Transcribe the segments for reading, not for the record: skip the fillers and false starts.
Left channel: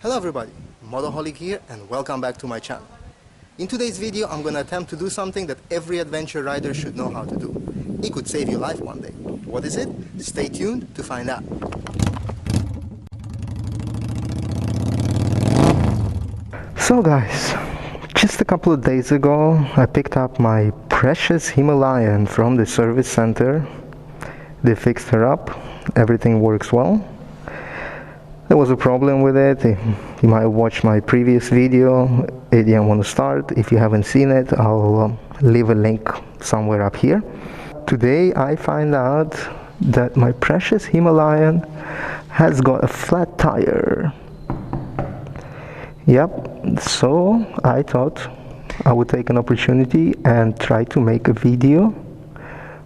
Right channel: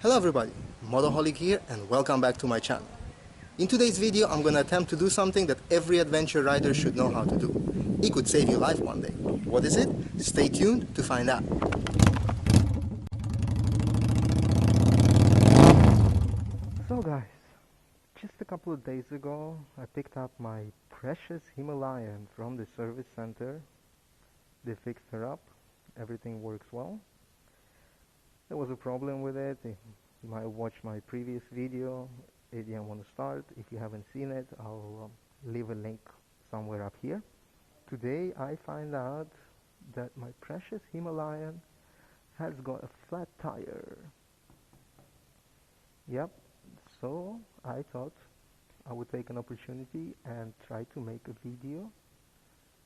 Hello everybody, MotoHolic here and welcome back to my channel. In today's video I'm gonna attempt to do something that every adventure rider should know how to do. It could save your life one day. What is it? Stay tuned to find out. So guys, just a couple of days ago I picked up my precious Himalayan from the service center. They fixed her up, everything works well. There was a problem with it. You might have watched my previous video. It didn't want to start. If you haven't seen it, I'll leave a link somewhere up here. Today I find out that my precious Himalayan has got a flat tire. Yep, so I thought I would take an opportunity and try to make a video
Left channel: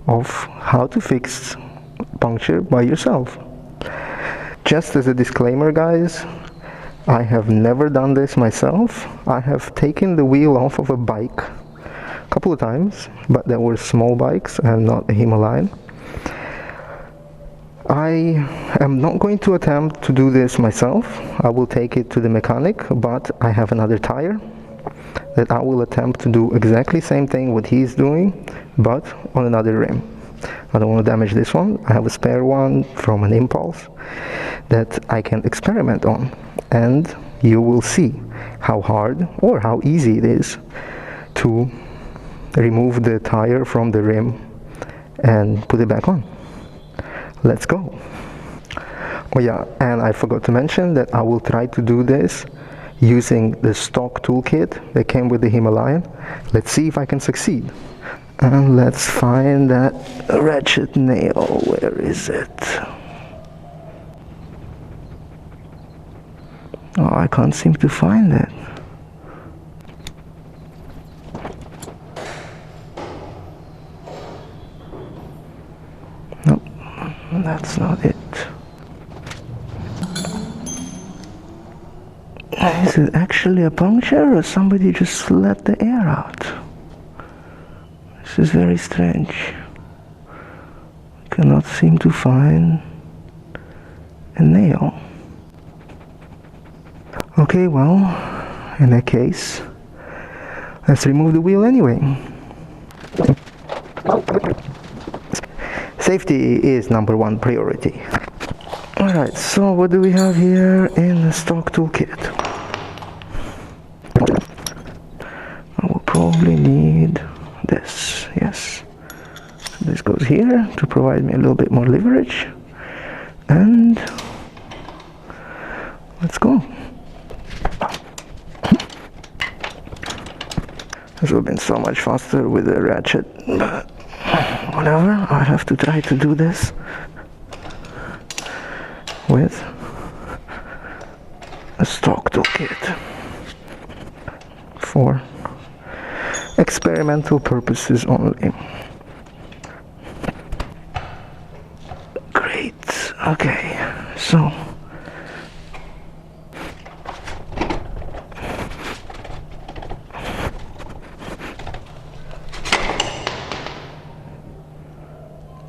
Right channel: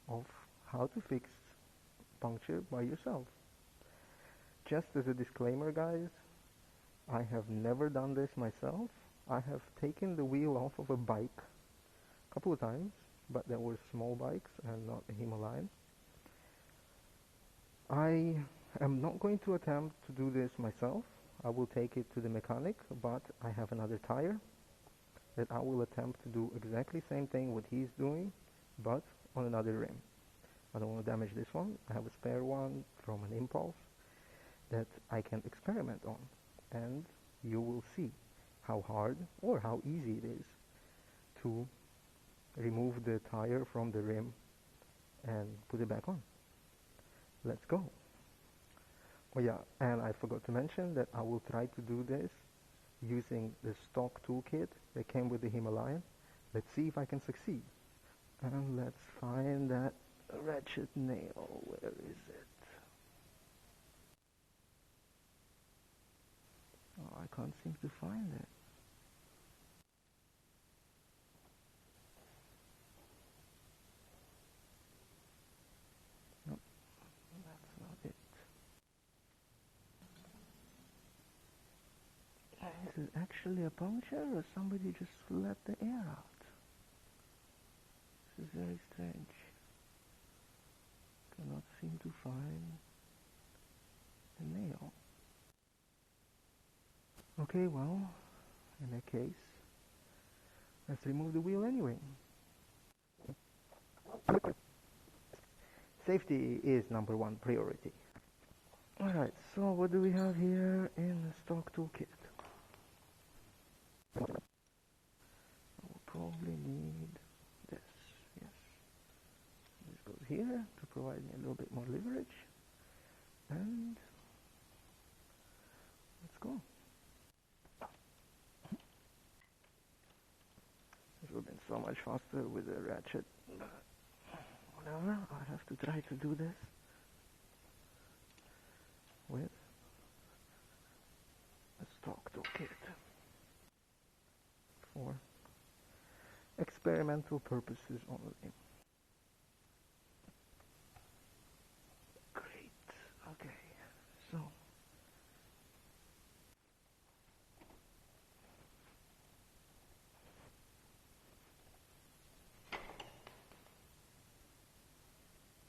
of how to fix puncture by yourself. Just as a disclaimer guys, I have never done this myself. I have taken the wheel off of a bike a couple of times, but they were small bikes and not a Himalayan. I am not going to attempt to do this myself. I will take it to the mechanic, but I have another tire that I will attempt to do exactly the same thing what he's doing, but on another rim. I don't want to damage this one. I have a spare one from an Impulse that I can experiment on, and you will see how hard or how easy it is to remove the tire from the rim and put it back on. Let's go. Oh yeah, and I forgot to mention that I will try to do this using the stock toolkit that came with the Himalayan. Let's see if I can succeed. And let's find that ratchet nail. Where is it? Oh, I can't seem to find it. Nope, that's not it. Is it actually a puncture or somebody just let the air out? This is very strange. Cannot seem to find a nail. Okay, well, in that case, let's remove the wheel anyway. Safety is number one priority. Alright, so what do we have here in the stock toolkit? I will probably need this, yes. This goes here to provide me a little bit more leverage. And let's go. This would have been so much faster with the ratchet, but whatever, I have to try to do this with a stock toolkit for experimental purposes only. Great, okay, so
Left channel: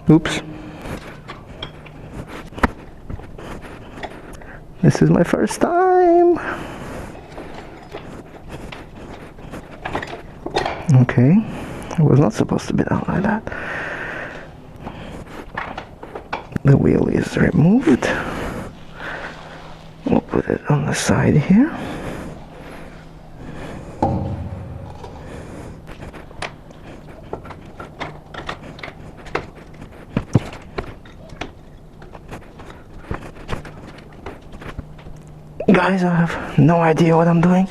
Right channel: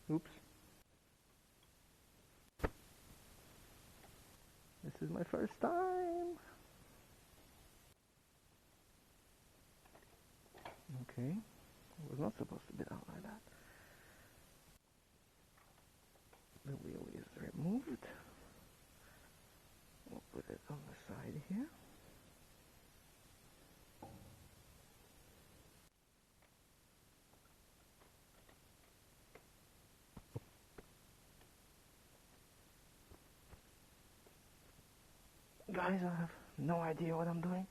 oops. This is my first time. Okay, it was not supposed to be done like that. The wheel is removed. We'll put it on the side here. Guys, I have no idea what I'm doing.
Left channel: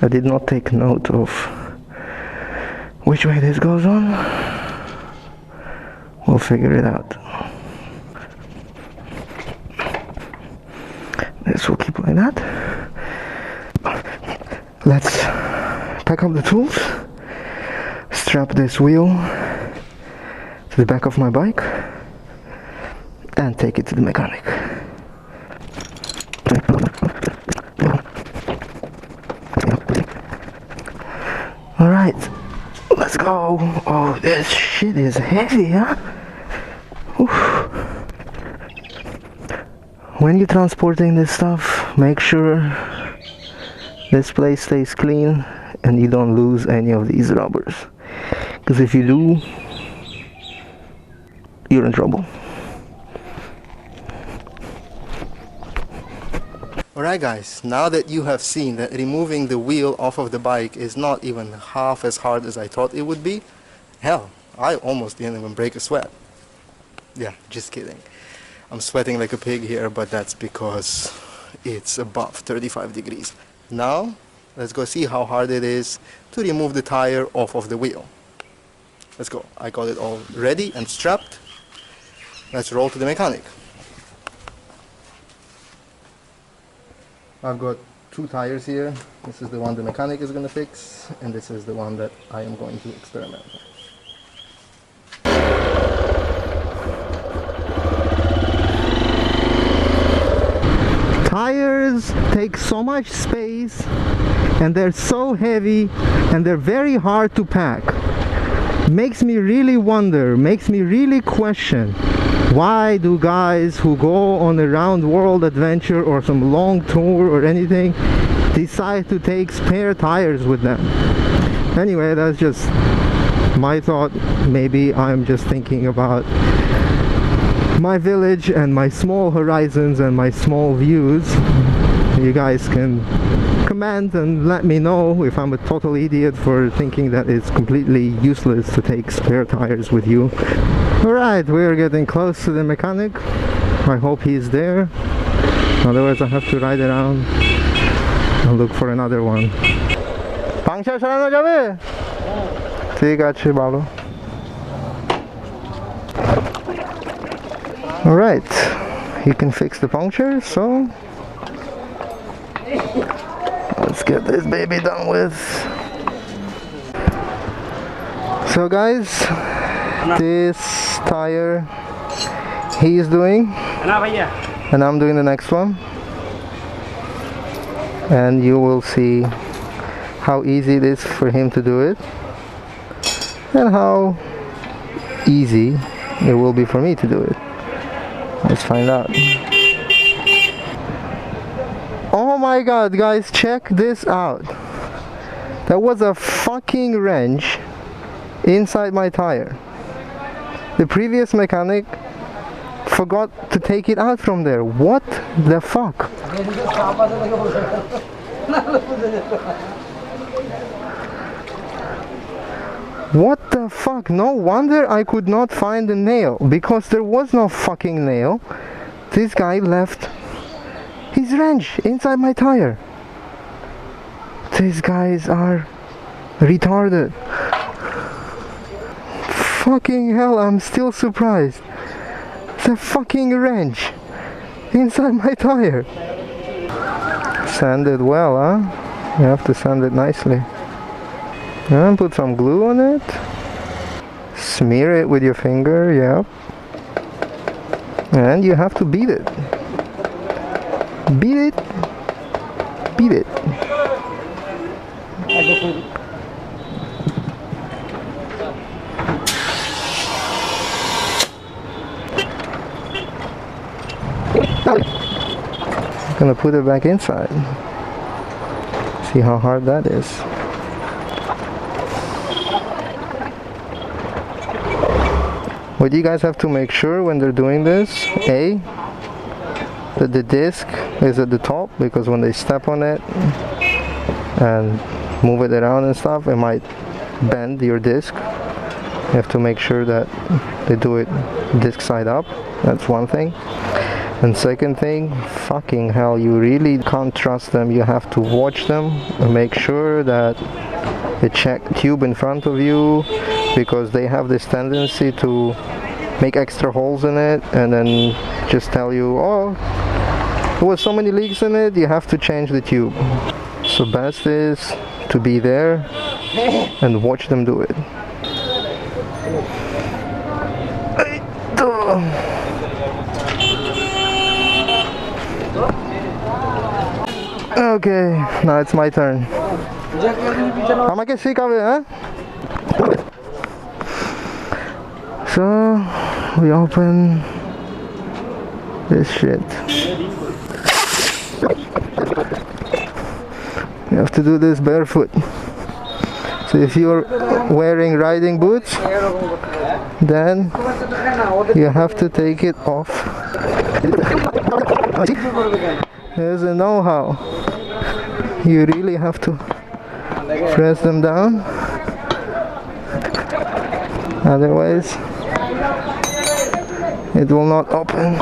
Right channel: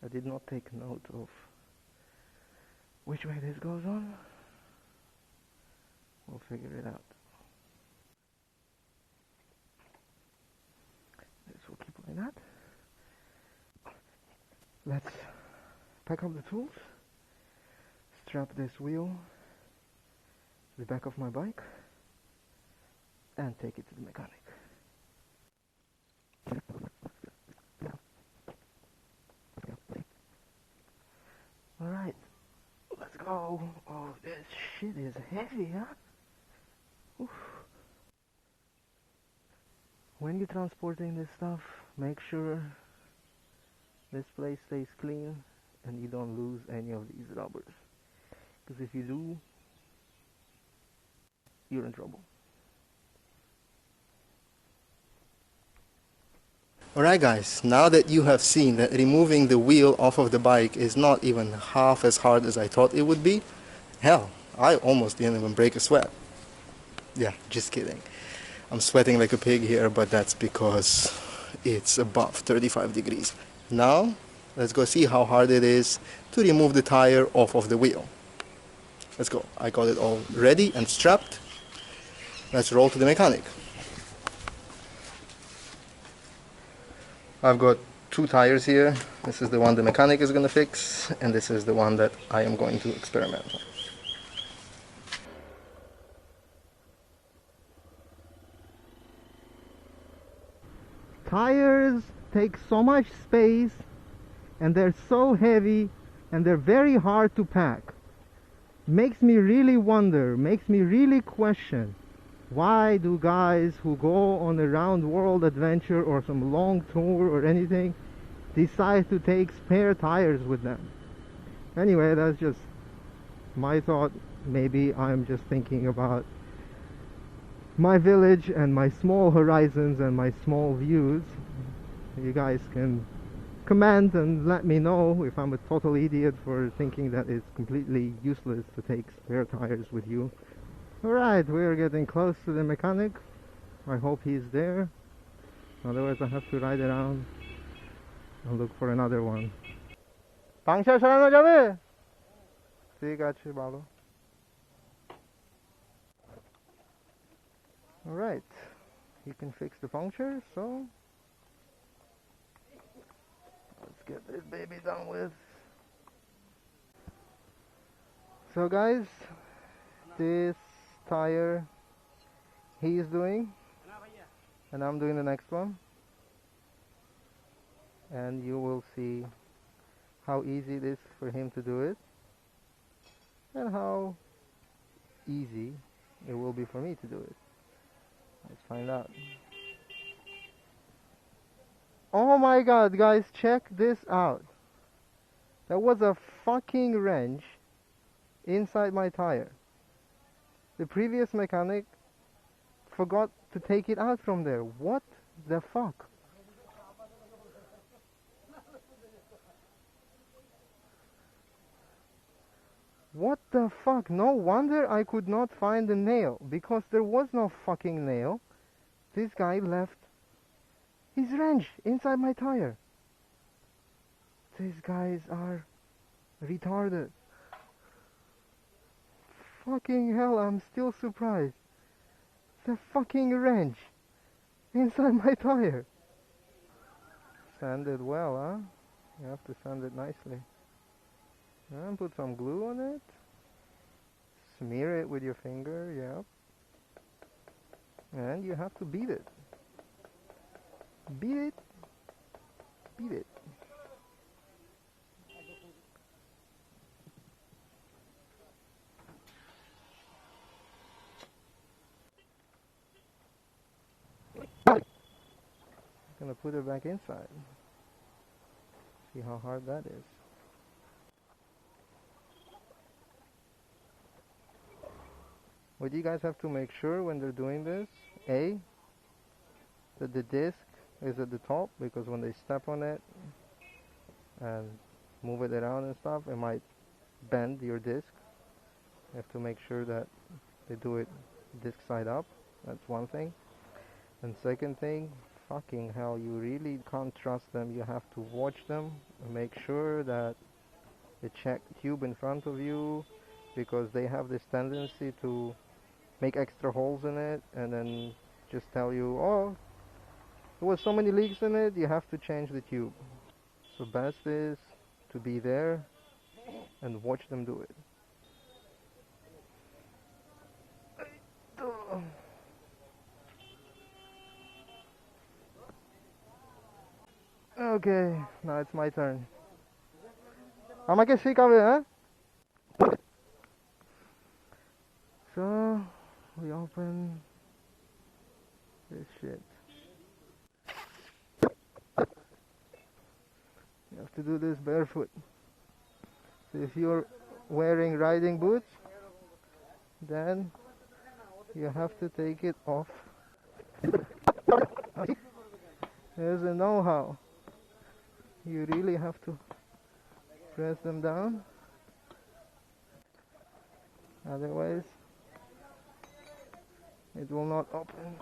I did not take note of which way this goes on. We'll figure it out. This will keep like that. Let's pack up the tools, strap this wheel to the back of my bike and take it to the mechanic. Alright, let's go. Oh, this shit is heavy, huh? When you're transporting this stuff, make sure this place stays clean and you don't lose any of these rubbers, because if you do, you're in trouble. Alright guys, now that you have seen that removing the wheel off of the bike is not even half as hard as I thought it would be, hell, I almost didn't even break a sweat. Yeah, just kidding. I'm sweating like a pig here, but that's because it's above 35 degrees. Now, let's go see how hard it is to remove the tire off of the wheel. Let's go. I got it all ready and strapped. Let's roll to the mechanic. I've got two tires here. This is the one the mechanic is going to fix, and this is the one that I am going to experiment on. Tires take so much space, and they're so heavy, and they're very hard to pack. Makes me really wonder, makes me really question, why do guys who go on a round world adventure or some long tour or anything decide to take spare tires with them? Anyway, that's just my thought. Maybe I'm just thinking about my village and my small horizons and my small views. You guys can comment and let me know if I'm a total idiot for thinking that it's completely useless to take spare tires with you. Alright, we're getting close to the mechanic. I hope he's there. Otherwise I have to ride around and look for another one. Puncture চালানো যাবে? ঠিক আছে, ভালো. Alright, he can fix the puncture, so let's get this baby done with. So guys, this tire he is doing, and I'm doing the next one, and you will see how easy it is for him to do it and how easy it will be for me to do it. Let's find out. Oh my god, guys, check this out. There was a fucking wrench inside my tire. The previous mechanic forgot to take it out from there. What the fuck? What the fuck? No wonder I could not find the nail, because there was no fucking nail. This guy left his wrench inside my tire. These guys are retarded. Fucking hell, I'm still surprised. The fucking wrench inside my tire. Sand it well, huh? You have to sand it nicely. And put some glue on it. Smear it with your finger, yep. And you have to beat it. Beat it. Beat it. I'm gonna put it back inside. See how hard that is. What you guys have to make sure when they're doing this, A, that the disc is at the top, because when they step on it and move it around and stuff, it might bend your disc. You have to make sure that they do it disc side up. That's one thing. And second thing, fucking hell, you really can't trust them. You have to watch them and make sure that the check tube in front of you, because they have this tendency to make extra holes in it and then just tell you, oh, there was so many leaks in it, you have to change the tube. So best is to be there and watch them do it. Okay, now it's my turn. আমাকে শিখাবে, huh? So we open this shit. You have to do this barefoot. So if you're wearing riding boots, then you have to take it off. There's a know-how. You really have to press them down, otherwise it will not open.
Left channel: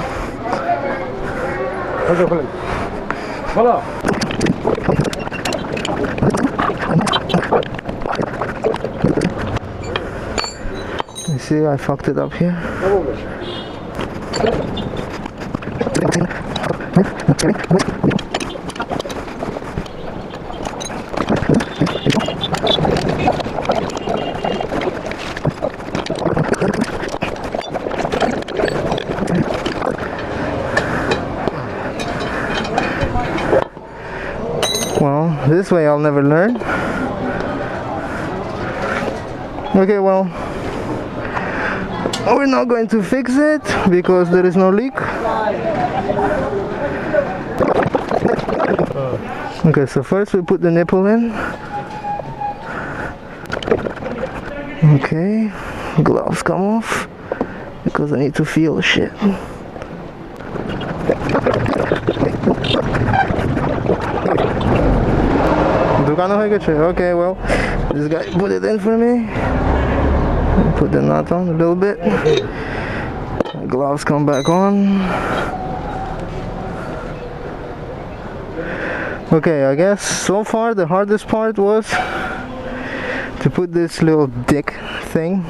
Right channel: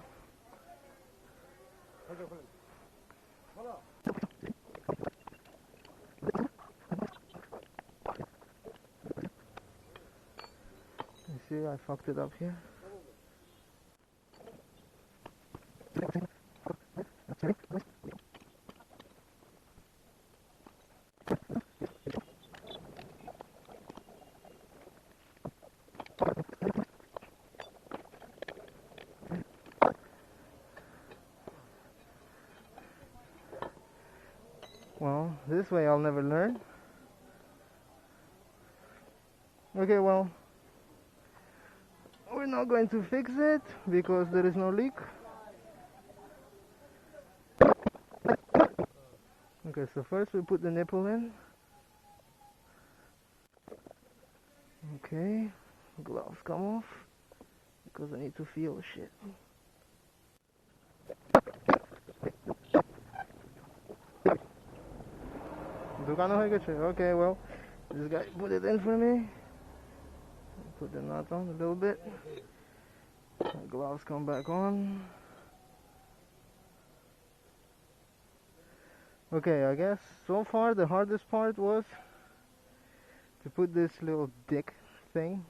You see, I fucked it up here. Well, this way I'll never learn. Okay, well, we're not going to fix it because there is no leak. Okay, so first we put the nipple in. Okay, gloves come off because I need to feel shit. Okay, well, this guy put it in for me. Put the knot on a little bit. The gloves come back on. Okay, I guess so far the hardest part was to put this little dick thing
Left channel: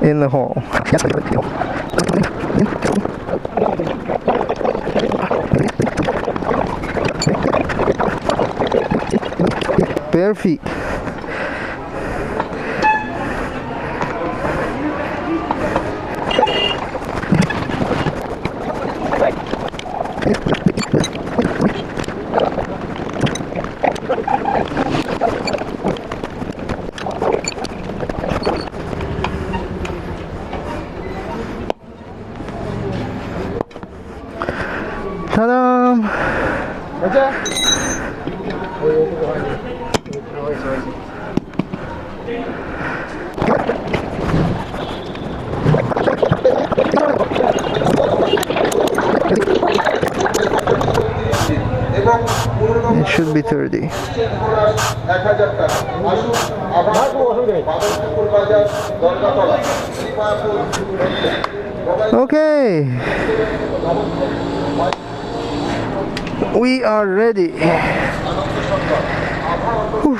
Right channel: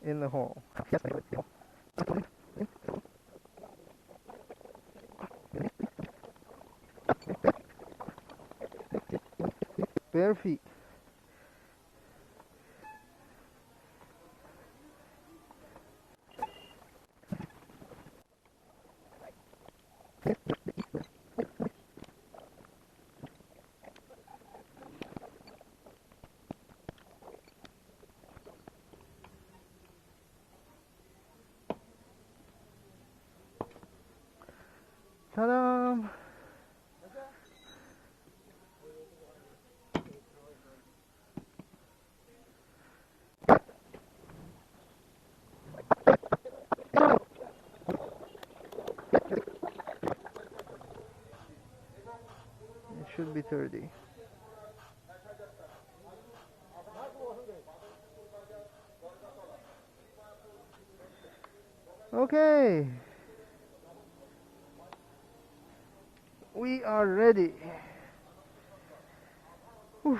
in the hole. Bare feet. Ta-da! It should be 30. Okay. We are ready. Whew.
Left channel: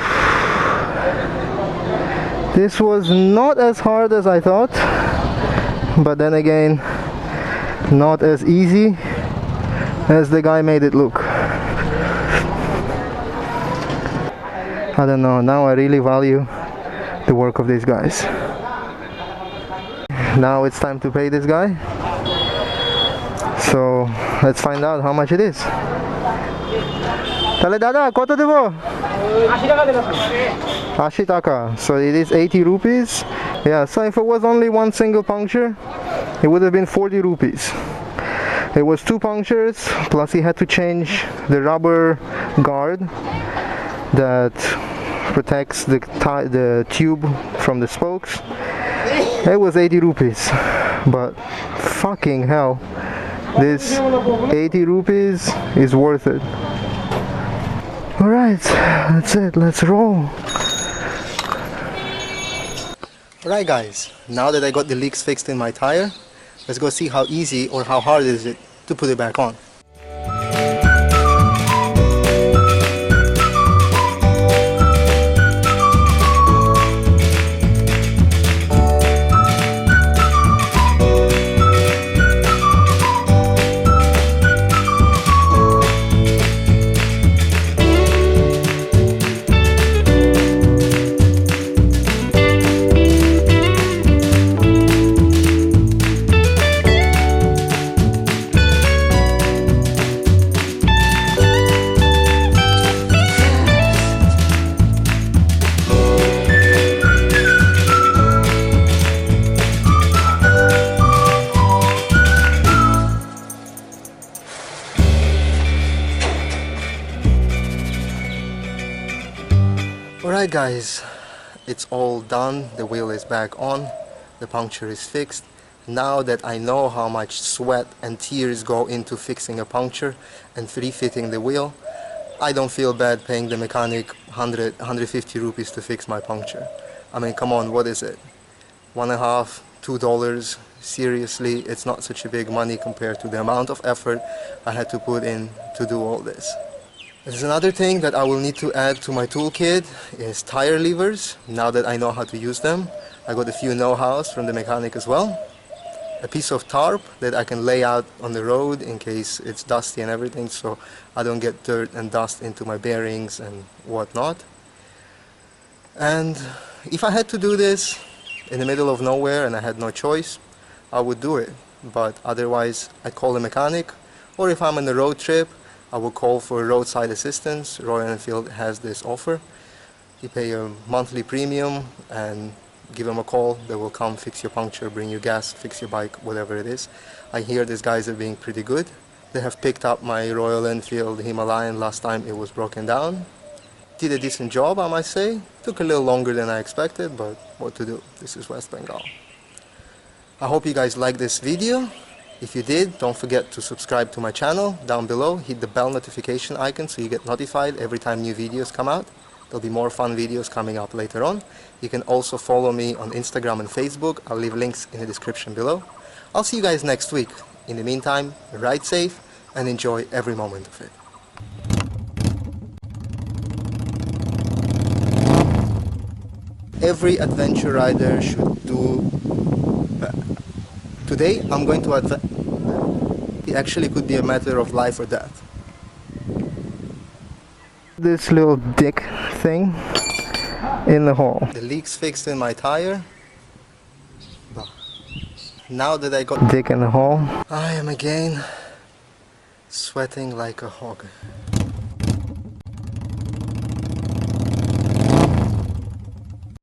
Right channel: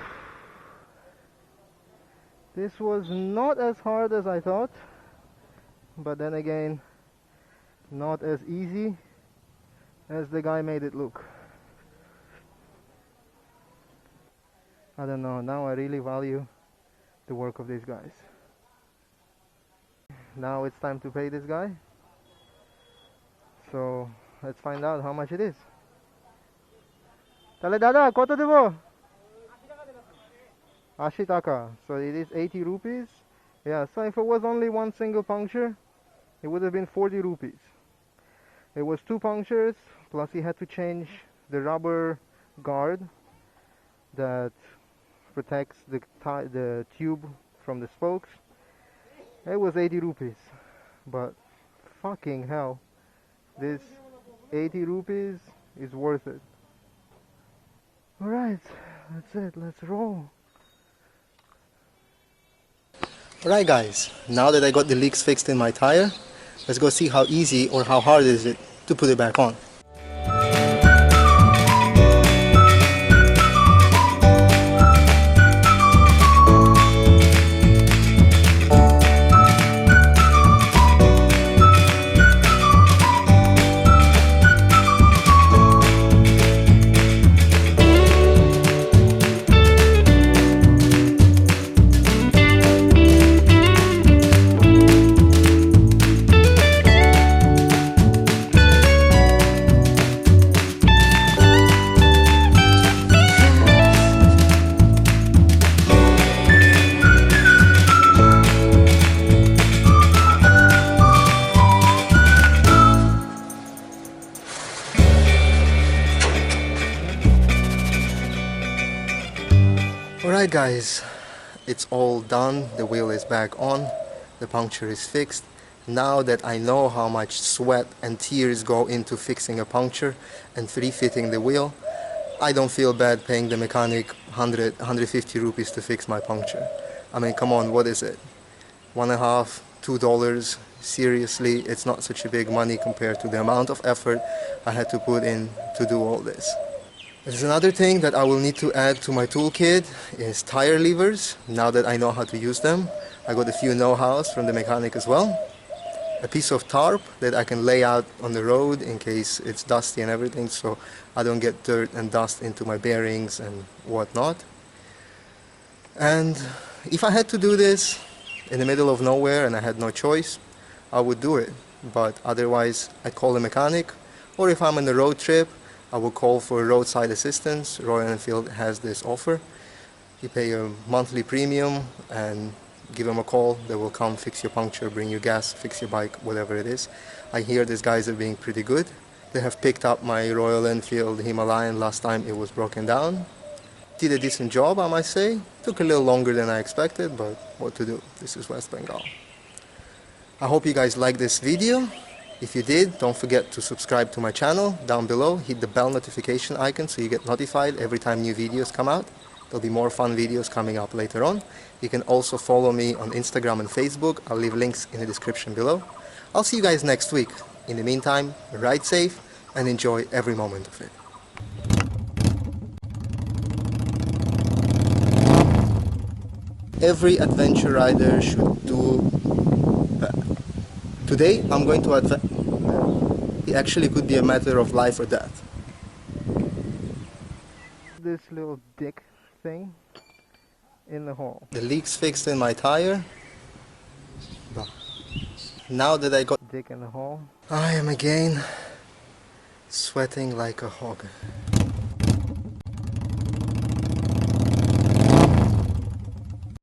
This was not as hard as I thought, but then again, not as easy as the guy made it look. I don't know, now I really value the work of these guys. Now it's time to pay this guy. So let's find out how much it is. Tale dada, koto debo? 80 taka. So it is 80 rupees. Yeah, so if it was only one single puncture, it would have been 40 rupees. It was 2 punctures, plus he had to change the rubber guard that protects the tube from the spokes. It was 80 rupees, but fucking hell, this 80 rupees is worth it. Alright, that's it, let's roll. Alright guys, now that I got the leaks fixed in my tire, let's go see how easy or how hard is it to put it back on. Alright guys, it's all done, the wheel is back on, the puncture is fixed. Now that I know how much sweat and tears go into fixing a puncture and refitting the wheel, I don't feel bad paying the mechanic 150 rupees to fix my puncture. I mean, come on, what is it? $1.50, $2? Seriously, it's not such a big money compared to the amount of effort I had to put in to do all this. There's another thing that I will need to add to my toolkit is tire levers. Now that I know how to use them, I got a few know-hows from the mechanic as well. A piece of tarp that I can lay out on the road in case it's dusty and everything, so I don't get dirt and dust into my bearings and whatnot. And if I had to do this in the middle of nowhere and I had no choice, I would do it. But otherwise, I'd call a mechanic, or if I'm on a road trip, I will call for roadside assistance. Royal Enfield has this offer. You pay a monthly premium and give them a call. They will come fix your puncture, bring you gas, fix your bike, whatever it is. I hear these guys are being pretty good. They have picked up my Royal Enfield Himalayan last time it was broken down. Did a decent job, I might say. Took a little longer than I expected, but what to do? This is West Bengal. I hope you guys liked this video. If you did, don't forget to subscribe to my channel down below. Hit the bell notification icon so you get notified every time new videos come out. There'll be more fun videos coming up later on. You can also follow me on Instagram and Facebook. I'll leave links in the description below. I'll see you guys next week. In the meantime, ride safe and enjoy every moment of it. Every adventure rider should do that. Today I'm going to it actually could be a matter of life or death. This little dick thing in the hole. The leak's fixed in my tire. Now that I got dick in the hole, I am again sweating like a hog.